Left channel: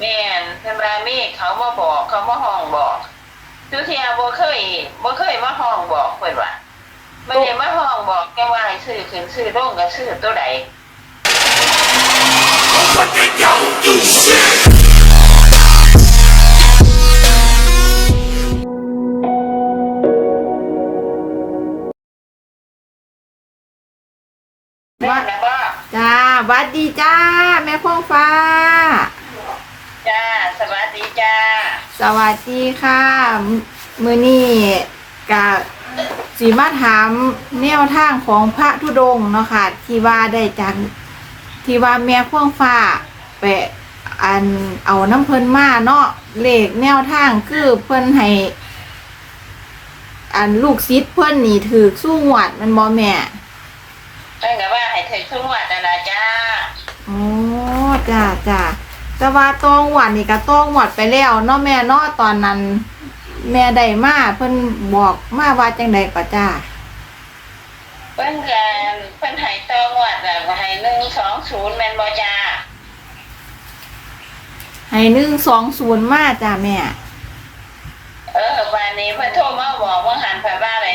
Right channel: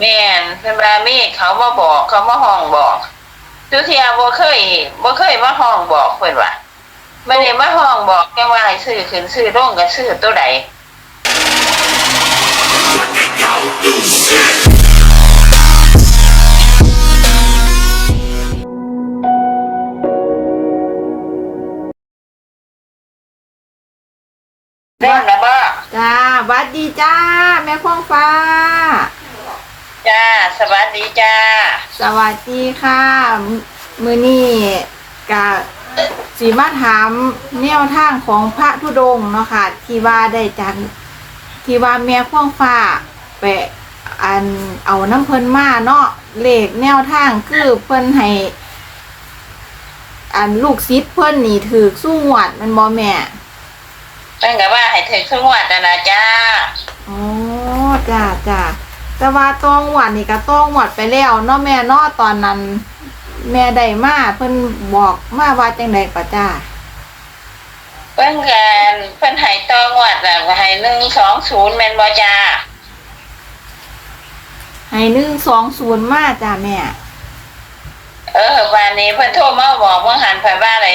แม่นเพิ่นว่ามีเขามาบอกเขามาห้องบอกทุกเที่ยบ่เคยบ่เคยมาห้องบอกเพิ่นว่าไม่ได้มาห้องบอกแค่ว่าให้ซื้อขึ้นซื้อลงก็ซื้อตัวใดแม่นนะบ่จ้าหวัดดีจ้า แม่พ่องฟ้า จ้า สวัสดีจ้า สวัสดีค่ะมมือนี่กะสีมาถามแนวทางของพระธุดงค์เนาะค่ะ ที่ว่าได้จากที่ว่าแม่พ่องฟ้าไปอันเอาน้ำเพิ่นมาเนาะเลขแนวทางคือเพิ่นให้ อันลูกศิษย์เพิ่นนี่ถือสู้หวดแมันบ่แม่ตั้งแต่ว่าให้ถึงสงวดนะนะจ้า อ๋อจ้าจ้า แต่ว่าต้องหวัดนี่ก็ต้องหวัดไปแล้วเนาะแม่เนาะตอนนั้น แม่ได้มาเพิ่นบอกมาว่าจังใดก็จ้าเพิ่นกันเพิ่นให้ตองวดน่ะให้หนึ่งสองศูนย์แม่นบ่จ้าให้หนึ่งสองศูนย์มาจ้าแม่ เออวันนี้เพิ่นโทรมาบอกว่าหันไปว่าอะไร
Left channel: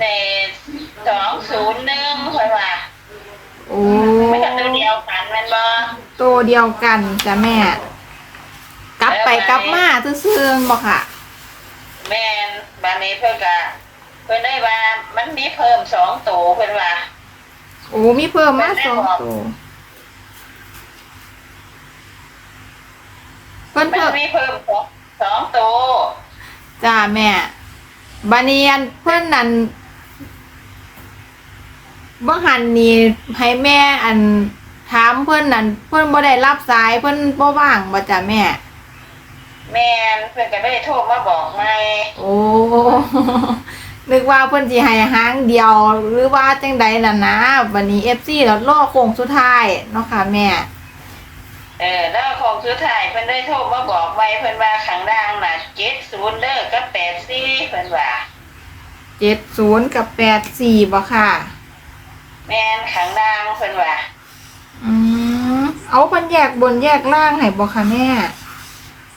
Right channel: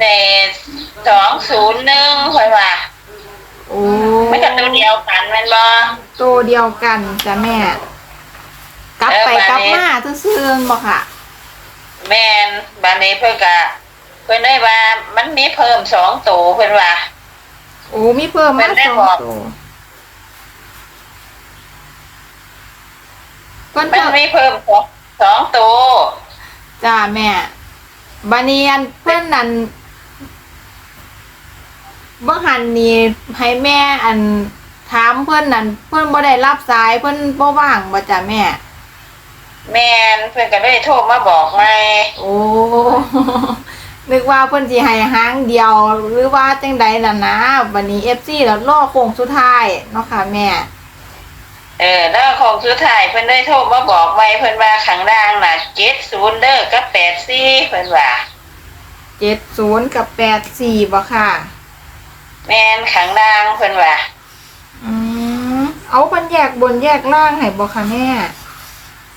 ในสองศูนย์หนึ่งเพิ่นว่า โอ้ไม่กับตัวเดียวกันแม่นบ่ตัวเดียวกันจ้าแม่ กลับไปกลับมาซื่อๆบ่ค่ะแม่นบัดนี้เพิ่นก็เพิ่นได้ว่ามันมีเพิ่มสองตัวเพิ่นว่า โอ้มีเพิ่มมามันได้สองบอกตัวเพิ่นมันเพิ่มมีเพิ่มสองสองตัวจ้าแม่บาเนียนเพื่อนนั่น เมื่อหันนี่ให้แม่อันถามเพื่อนนั่นเพื่อนบ่ได้รับสายเพื่อนบ่ว่างบ่จ้ะแม่ แม่นเพิ่นก็ได้โทรมาบอกไงโอ้นึกว่าเพื่อนสิให้หางเดียวหรือว่าจังใดล่ะนะวันนี้ FC แล้วรอโค้งสุดท้ายเนาะค่ะแม่ เออแล้วของสุดท้ายเพิ่นได้โทรมาบอกไว้เพิ่นว่าข้างล่างน่ะ70เด้อกับ84เพิ่นว่า 70 กับ 84บ่ค่ะ แม่นข้างล่างเพิ่นว่าอืมเอาเพิ่นแยกบนแยกล่างให้บ่ค่ะแม่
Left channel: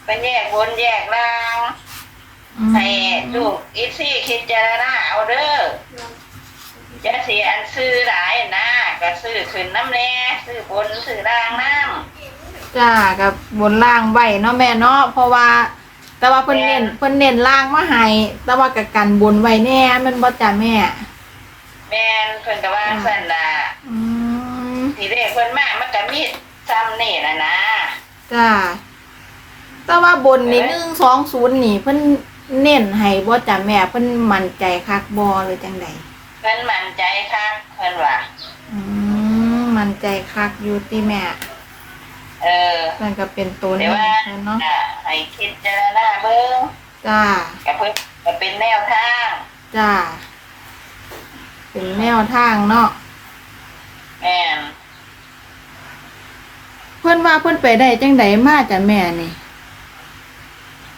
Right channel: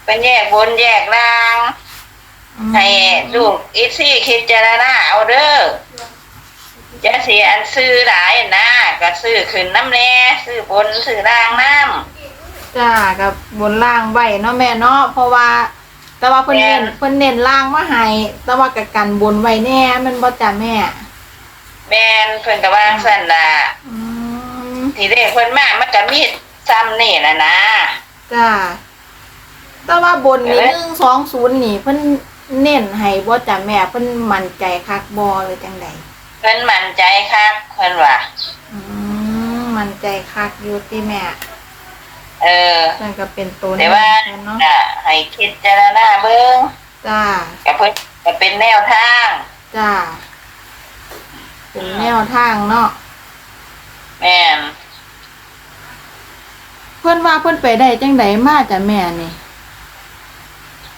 เป็นแยกบนแยกล่าง อืมให้ลูกอีซี่คิดเจารณาเอาเด้อจะเสียอันซื้อหลายนะก็ซื้อขึ้นน้ำแน่ซื้อบนซื้อล่างน้จ้ากับบนล่างไว้เนาะแม่เนาะเพราะว่า แต่ว่าเพิ่นเน้นเพิ่นเน้นล่างมาให้แต่ว่ากับกันบนไว้แน่แมันบ่จ้าแม่ำ แม่นเพิ่นก็ว่าสั่นน่ะอืมทีเด็กเพิ่นมามันก็มีซ้ำนี่นะนะจ้าแต่ว่าบนนี่เอ๊ะหนึ่งสองศูนย์นี่ เพิ่นเน้นให้บ่จ้าแม่เพิ่นมั่นใจคักบ่หรือจังใดเพิ่นมั่นใจครับเพิ่นว่าอืมมั่นใจคักอยู่ติแม่ เออเพิ่นก็เป็นตัวแต่นี้ว่าเพิ่นเนาะอะให้คิดเจารณาเบิ่งจ้าก็เพิ่นก็เป็นแนวทาง จ้า เป็นแนวทางเนาะแม่นเพิ่นว่าเพิ่นไปได้จังใดมาจ้ะแม่นี่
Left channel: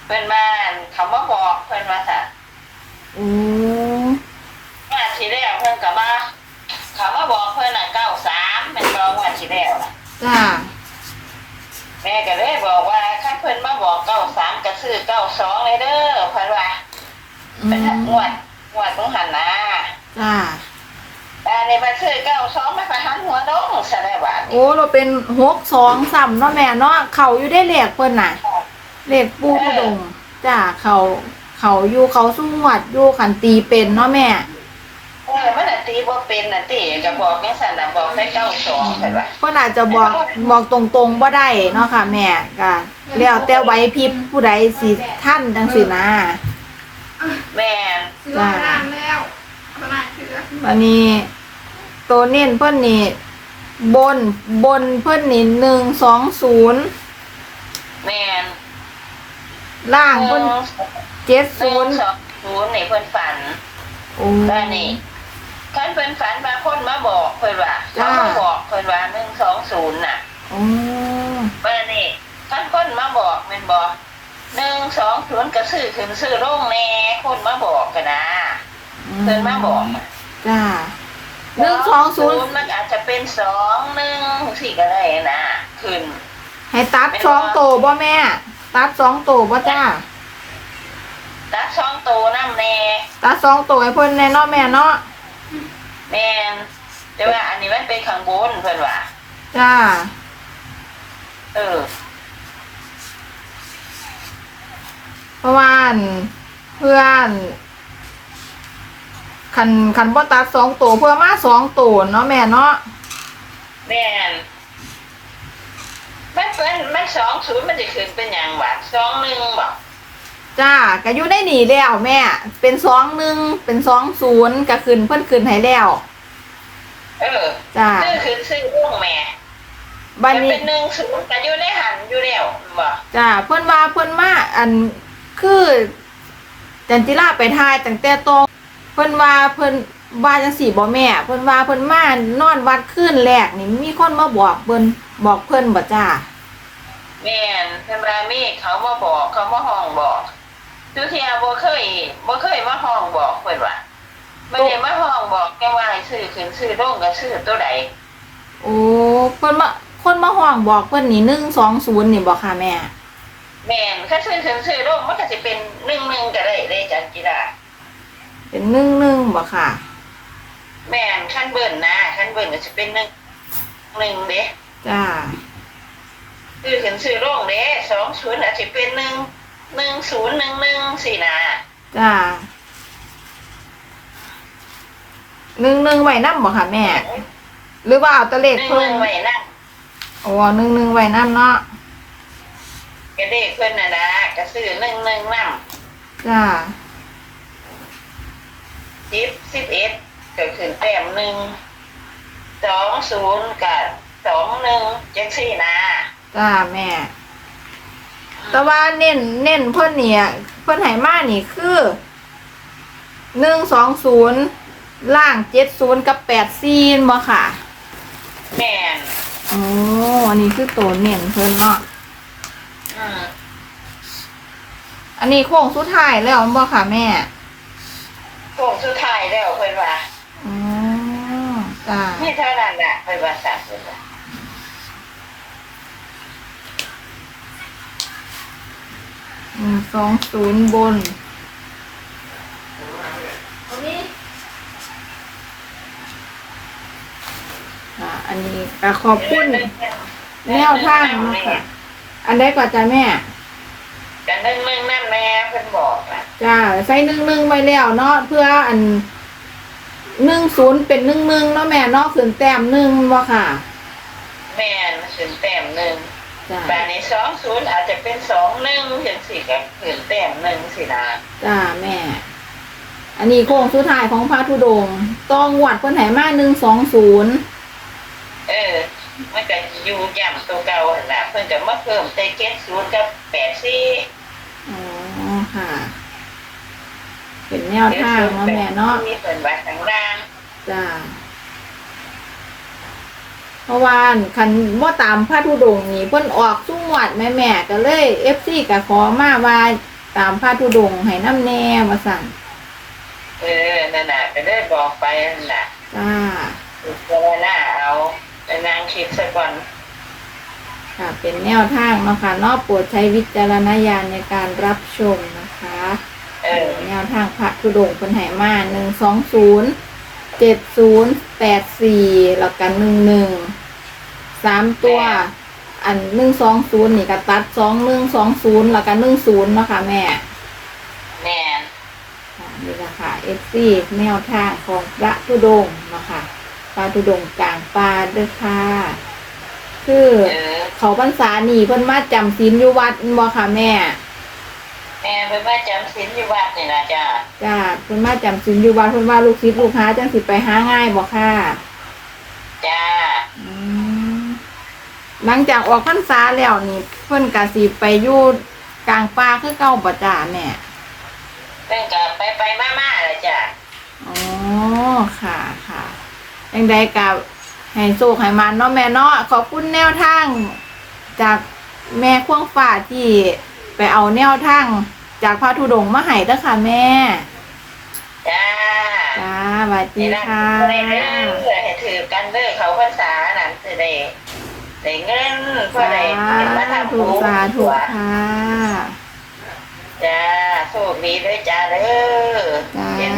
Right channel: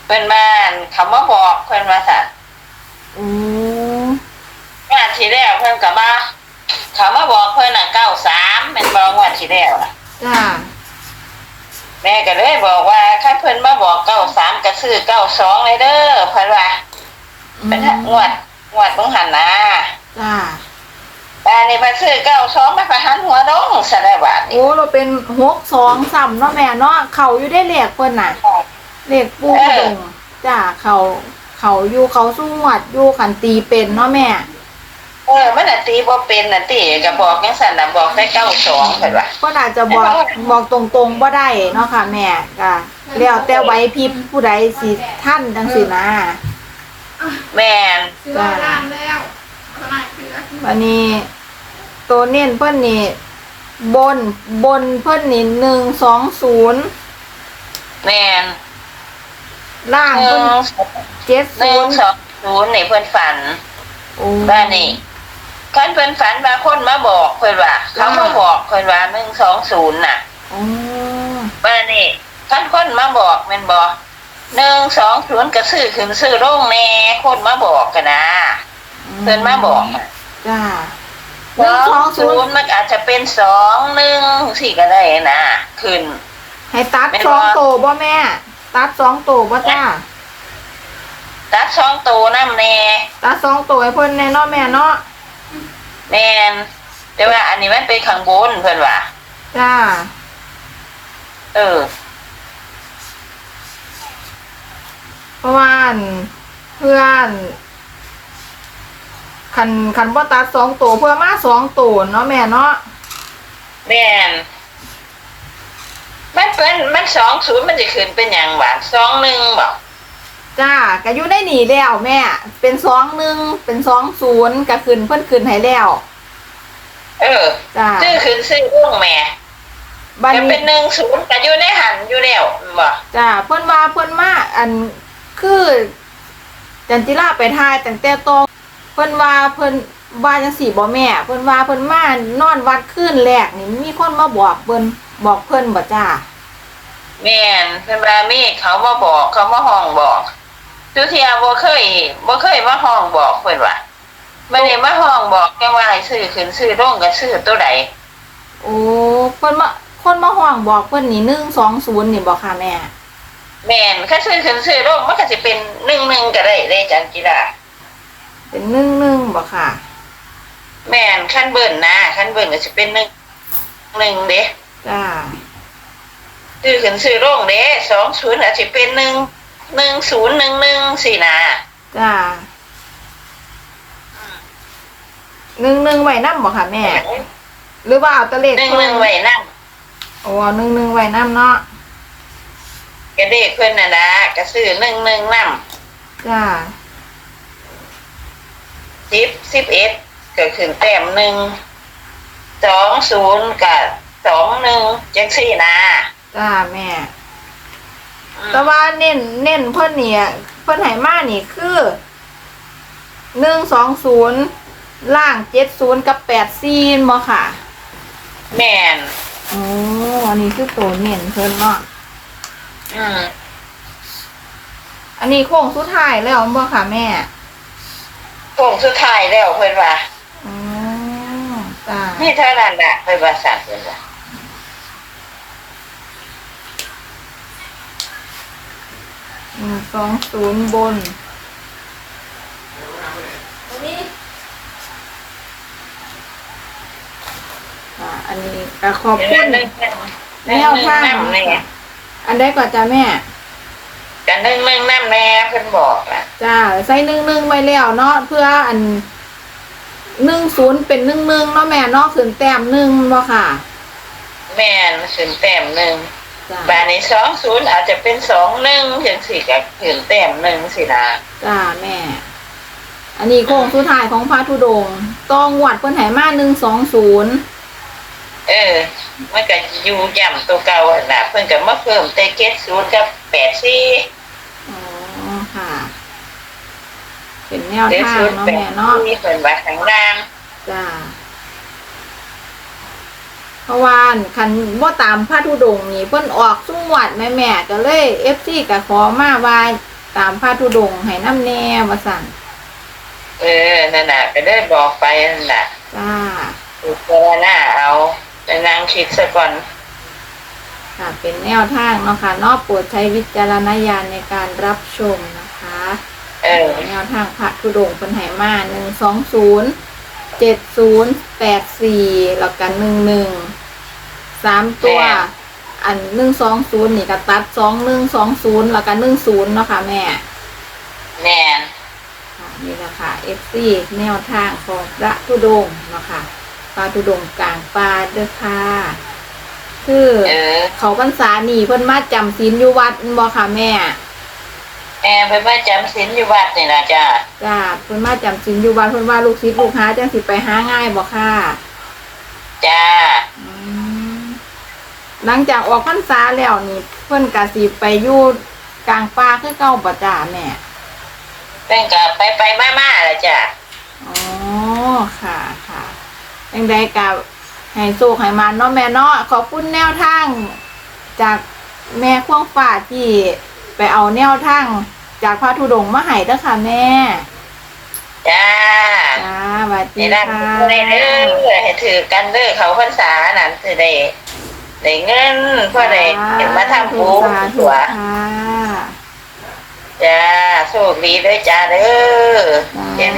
เพิ่นมาคำว่าบอกเพิ่นว่าสั่นโอ้งวดที่แล้วเพิ่นก็มาเขามาบอกเพิ่นน่ะเก้าสามแม่นบอกงวดที่แล้วน่ะจ้าแม่ก็เลยบอกว่าถ้าเพิ่นมาบอกเก้าสามก็ซื้อเก้าสองเลยเด้อเพิ่นว่าอืเป็นมงวดงวดต้องหันนะ จ้าบ้านนี้มาซื้อเก้าสองมาไปหันหัวดงซะแล้วบาดนี้โอ้เราเป็นหกสองสามเนาะแม่เนาะเขาอยู่ได้เลขเพิ่นน่ะเลขปูกระดงจ้าเขาเขาอยู่เขาสู้หวัดอยู่ขันตีเป็นเนาะแม่เออมันน่ะตีบ่เป็นน่ะติก็บอกจังซั่นน่ะบอกได้เก้าสองเพิ่นว่าเพิ่นอาจจะบอกบอกตรงๆบ่ได้เนาะค่ะแม่ก็แล้วแต่ไหว้พริบผู้ใดสิท่านจังสินะแม่นจ้า วันนี้ตัวเน้นเพิ่นนี่บนบนเพิ่นนี่หนึ่งสองศูนย์แม่นล่างหเพิ่นนึ่งเจ็ดหนึ่ศูงนย์สองศูนย์นี่เพิ่นฝันโอ้บ้านนี้คันเพิ่นฝันว่าคนมาบอกเพิ่นว่าเขามาบอกเพิ่นว่าหนึ่งสองศูนย์น่ะโอ้บ้านนี้คันคนมาบอกแม่นบ่หนึ่งสองศูนย์ก็ซื้อขึ้นซื้อลงแน่คนมาบอกกันนะ เพิ่นมาบอกน่ะ จ้าหนึ่งสองศูนย์มันอาจจะเป็นสองหนึ่งสี่ก็ได้นะขึ้น ให้ตัดสองโตบ่แม่ ตัดสองโตบ่จ้าตัดสองตัวน้ำแน่ตัดสองโตให้เพิ่นแน่เนาะแม่เนาะแม่นแต่ว่าอันนี้มันเป็นข้างบนเพิ่นว่าจ้า เออเพราะว่าอั่นเพื่อน คันคันบ่ตัดสองโตเพื่อมาสองโตเนาะแม่เนาะแม่นมันเป็นมันสองศูนย์มันจะขึ้นเป็นอย่างหวานสองหนึ่งบอกจ้าก็อยู่ในนี่แล้วแม่ เป็นสองหนึ่งเป็นสองศูนย์ก็ขึ้นเพิ่นขึ้นให้แล้วเออจ้าซื้อขึ้นซื้อร่วงแม่บัดจะนี้เป็นหนึ่งศูนย์ก็อยู่ในหันอยู่แล้วบอกจ้าเพิ่นว่าเพิ่นมาอันคือจันจิราไปทายตั้งแต่ตรง เพิ่นว่าเพิ่นว่าจังสี่บ่แม่ เพิ่นว่าเพิ่นมานอนวัดคืนแรกนี่มีคนมาบอกเพิ่นบอกเพิ่นบ่จ้าแม่นเพิ่นว่ามีเขามาบอกเขามาห้องบอกทุกเทียบ่เคยบ่เคยมาห้องบอกเพิ่นว่าไม่ได้มาห้องบอกแค่ว่าให้ซื้อขึ้นซื้อร่งก็ซื้อตัวใดโอ้เพิ่นมาคนมาห้องบอกเพิ่นนี่120นี่บ่ค่ะแม่ แม่นถ้าซื้อขึ้นซื้อร่งมันก็จะเป็นหนึ่งหนึ่งก็ได้เลยจันจิรา เป็น11บ่ค่ะ แม่นขั้นเบิ่นนะขั้นเบิ่นก็จะเป็นหนึ่งหนึ่งเด้จ้าซื้อขึ้นซื้อร่งเด้สองศูนย์อาจจะเป็นหนึ่งหนึ่งศูนย์หนึ่งหนึ่งสี่นะจ้าหนึ่งหนึ่งไว้นำบ่ค่ะแม่ หรือว่าเอาแตะเลขหนึ่งหเพิ่นึ่นงไว้นั่งโอ้หนึ่งหนึ่งไว้นำเนาะกระเด็กเพิ่นน่ะนะก็ซื้อหนึ่งหนึ่งนั่จ้า สิบสิบเอ็ดก็ขึ้นแต้มหนึ่งสองศูนย์กับสองหนึ่งจังสี่นะจ้าแม่แต่ว่าเน้นเน้นเพิ่นเนี่ยเพิ่นให้มานี่คือหนึ่งสองศูนย์ล่างเจ็ดศูนย์กับแปดซีนบ่ค่ะ แม่น โอ้อันนี้คือตัวเน้นเพิ่นเนาะอืมอันนี้โค้งสุดท้ายแล้วบ่ค่ะแม่ โค้งสุดท้ายแล้วเพิ่นว่าอ๋อจ้านี่เท่านั้นน่ะเพิ่นว่าสั่งเพิ่นว่าหนึ่งสองศูนย์บน อ่า อันนี้ก็ขอบคุณแนวทางนะคะอันใดก่อนจ้าแม่ กันนึ่งนึ่งน้ำแม่เพิ่นบอกอะจ้าใส่หนึ่งหนึ่งไว้แล้วเนาะเพื่ออันหนึ่งศูนย์เป็นหนึ่งหนึ่งเนาะแม่เนาะขึ้นแต้มหนึ่งบ่ค่ะแม่นขึ้นแต้มหนึ่งจ้าบานในสองศูนย์อาจจะเป็นสองหนึ่งจังสี่กับขึ้นแต้มหนึ่งสินะจ้าแม่ อันนี้โค้งสุดท้ายของพระธุดงค์ต้องวัดเพิ่นไหมาหนึ่งสองศูนย์ เออ มันก็อยู่ย่ำตัวเก่าอะนะเพิ่นก็มาเพิ่มแต่เจ็ดศูนย์กับแปดสี่อ๋อค่ะ เป็นแนวทางเนาะแม่เนาะนี่เพิ่นว่าข้างล่างจ้าเพราะว่าคันบ่ตามพระธุดงค์นี่เพิ่นออกสุ่งวัดแม่แม่ๆก็เลย FC ก็ขอมาว่าตามพระธุดงค์ให้น้ำแน่ว่าสั่นเออนั่นน่ะก็ได้บอกไปนั่นน่ะจ้าถูกเจอหน้าเอา แต่นางคิดซะก่อน ค่ะ เป็นแนวทางเนาะค่ะเนอกโปรดใช้วิจารณญาณในการรับชมนะคะเออ แนวทางพระธุดงค์เพิ่นให้มาหนึ่งสองศูนย์เจ็ดศูนย์แปดสี่แล้วกันหนึ่งหนึ่งสามตัวอันหนึ่งสองศูนย์นี่ก็ตัดสองหนึ่งสองศูนย์แล้วกันหนึ่งศูนย์เนาะค่ะแม่แม่นค่ะนี่แหละค่ะเอฟซีแนวทางของพระธุดงค์เนาะค่ะ พระธุดงค์กลางป่าเด้อค่ะ คือเออเขาพรรษานี่เพิ่นมาจำศีลอยู่วัดแม่นบ่ค่ะแม่ แม่เพิ่นมาจำศีลอยู่วัดนี่นะจ้าจ้าเพิ่นมาจำศีลอยู่วัดเพิ่นว่าลูกศิษย์ลูกหาจังสิไปหาง่ายบ่ค่ะ จ้าอืมหลังจากออกพรรษาแล้วนี่ เพิ่นก็สิไปอยู่กลางป่าคือเก่าบ่จ้าแม่เพิ่นก็ไปไปๆมาๆล่ะจ้าอ๋อค่ะค่ะ ยังใดกับให้โชคให้มันเนาะแม่เนาะขอบคุณแนวทางจากแม่ควงฟ้าที่ไปเอาแนวทางจากพระธุดงค์มาให้เด้อค่ะแม่ จ้าจ้าสวัสดีนี่นะค่ะให้เด้อให้ถือกันเด้อเขาพรรษานั่นสิได้ได้เงินเพื่อได้เก็บมาทำถูบุกญสาธุตัวค่ะ จ้าโชคดีด้วยจ้าเด้อ จ้าเห็น